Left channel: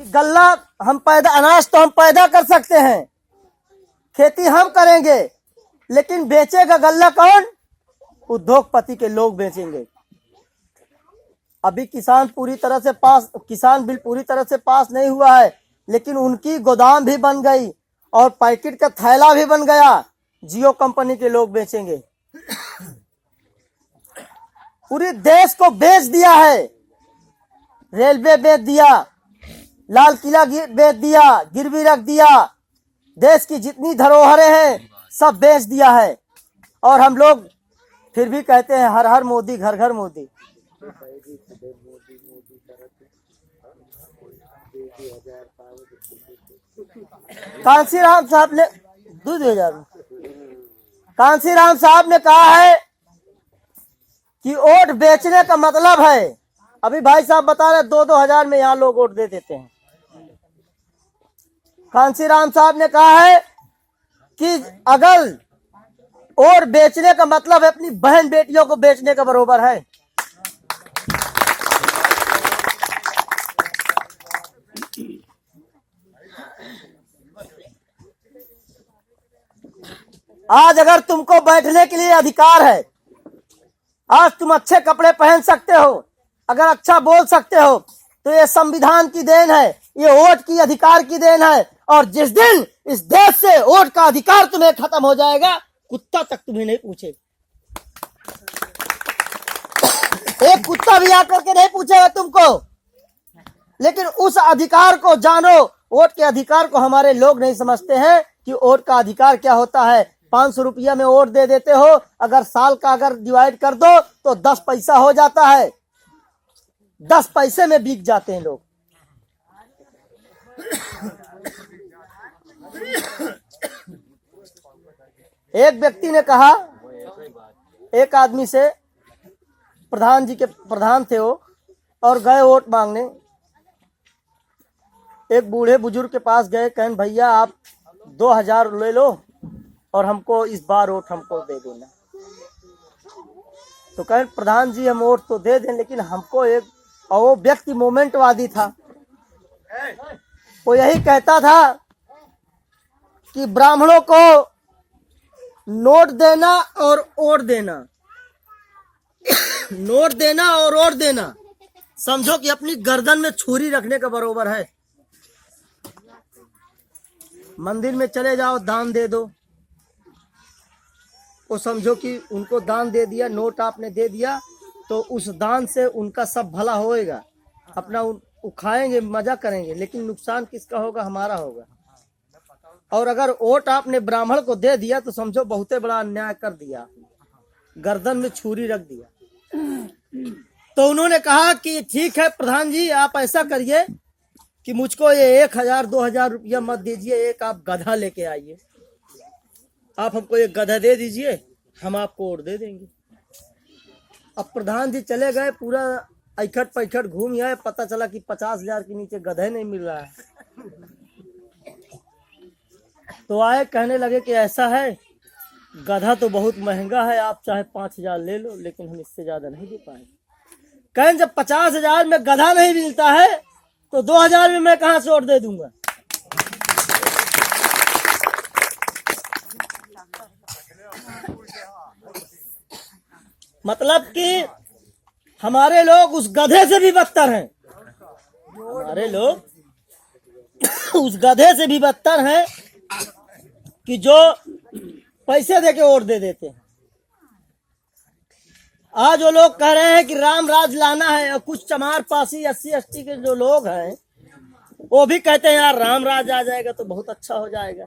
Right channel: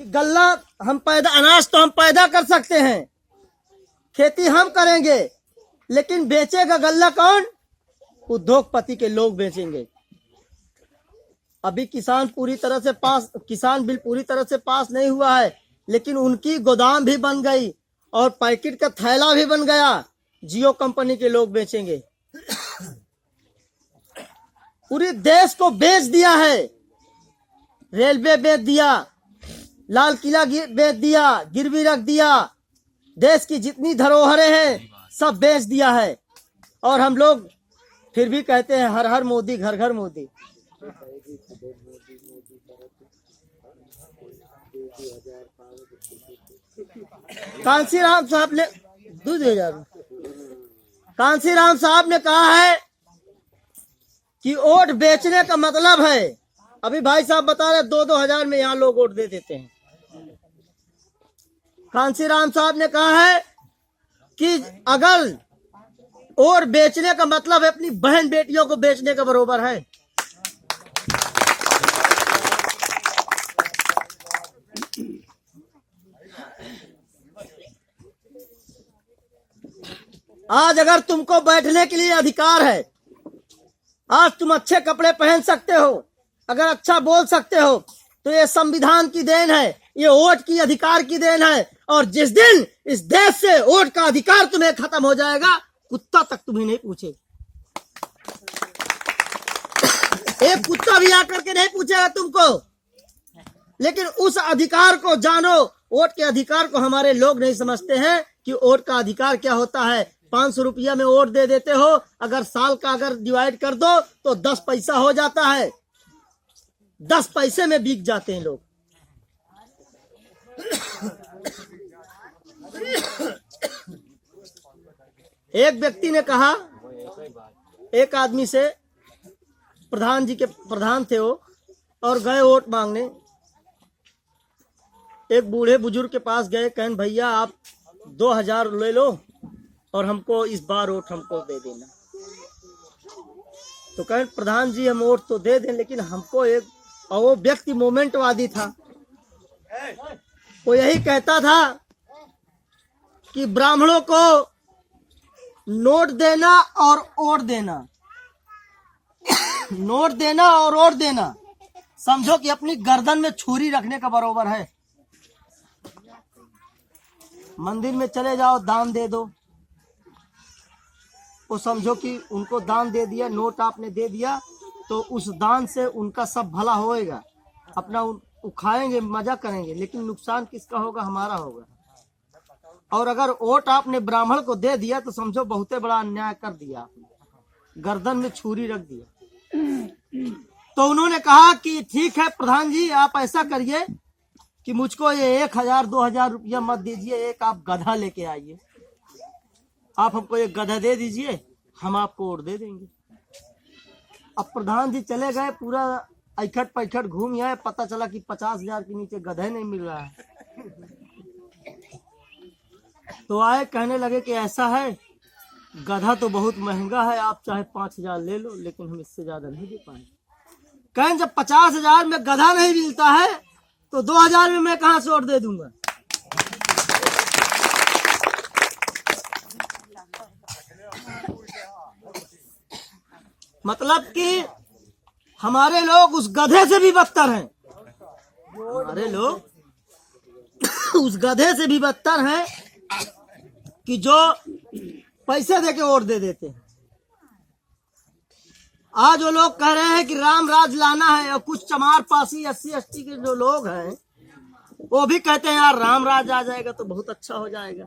गल्ला हम पैदा, अनाज तो हम पैदा कर सकते हैं, खेती हम करेंगे, लेकिन बेचेगा गल्ला कौन? उद्योगपति के लोग बेचेंगे। अभी किसान बिल पूरी तरह से पास नहीं हुआ है, लेकिन उनकी गोदाम भी बन गई और पैकेट का थैला भी बन गया। जियो कंपनी के लोग बेचेंगे। पूरे देश को बेच दिया है। रेलवे बेच दिया, लाल किला बेच दिया, गिरवी रख दिया, देश की जितनी धरोहरें हैं सब बेच दिया है। और हम लोग फिर भी कहते हैं हर हर मोदी, घर घर मोदी। कांसीराम साहब ने 2000 कांसीराम साहब ने कहा है कि वोट बेचने का मतलब है, अभी भाई साहब बता रहे 2-2 हजार में यहाँ लोग वोट दे देते हैं। कांसीराम साहब ने कहा है कि अगर वोट बेचने का मतलब है अपनी बहन बेटियों को बेचने का बरोबर है। आज अगर तुमको बैठने के लिए अधिकार है, आज तुम अच्छे कपड़े पहन सकते हो, अगर अच्छा बोल सकते हो, तो ये संविधान की देन है, ये वोट की अधिकार की देन है। और जिस दिन इस देश से वोट का अधिकार तुम्हें खत्म हो जाएगा, कुत्ता तक तुम्हें नहीं पूछे। एक कुत्ता भी आकर के नहीं पूछेगा तुमको। लेकिन उस अधिकार को जानो। वोट के अधिकार को हमारे लोग नहीं समझते हैं कि वोट का अधिकार क्या होता है। 500 रुपया में वोट दे देते हो, अगर साल का अगर डिवाइड कर दो तो 10 पैसा हो जाता है। 10 पैसे में बिक जाते हैं लोग। एक व्यक्ति ने कहा, एक आदमी से, प्रधान थे वो, और गए वोट मांगने। एक बूढ़े बुजुर्ग के पास गए, कहन भैया आप 2000 ले लो और हमको इस बार वोट हमको दे देना। तो कहन प्रधान जी हम वोट तो दे दें, लेकिन हमको एक, और वो व्यक्ति मोमेंटवादी था, वो यही कहता था कि ब्राह्मणों को नोट देना और वोट देना, नोट देना और वोट देना समझो कि अपनी गर्दन में छुरी रखने का बरोबर है। मंदिर में चले जाओ, दान दे दो, वो समझो कि उनको दान दे दिया, नोट आपने दे दिया, तो उस दान से उनका सब भला होएगा, अपना खाएंगे, मजा करेंगे, लेकिन नुकसान किसका होगा? हमारा होगा। और अगर वोट आपने ब्राह्मण को दे दिया तो समझो बहुत बड़ा अन्याय कर दिया आपने, गर्दन में छुरी रख दिया। तो उन्होंने कहा कि ठीक है प्रधान जी, आप ऐसा करिए कि मुझको ये 1000-2000 रुपया मत दीजिए, एक आप गधा लेके आइए, आप हमको एक गधा दे दीजिए, हम आपको वोट दे देंगे। अब प्रधान जी चले गए, पूरा ऐखट पैखट घूम आए, पता चला कि 50,000 के नीचे गधा नहीं मिल रहा है। तो आए, कहने लगे कि ऐसा है, गधा तो बहुत महंगा है, आप चाहे 5000 ले लो, लेकिन हम इससे ज्यादा नहीं दे पाएंगे। कहें जब 50,000 में गधा नहीं मिलता है तो 2000 में मैं कहां से वोट दे दूंगा? मतलब कि हमारे लोग उस गधे से भी बदतर हैं। हमारे लोग उस गधे से भी बदतर हैं कि जो पैसे देके वोट दे देते हैं। आज वो लोग कह रहे हैं कि राम राज लाना है, और कुछ चमार पासी SC ST के जो लोग हैं वो भी कहते हैं यार राम राज आ जाएगा तो बहुत अच्छा हो जाएगा।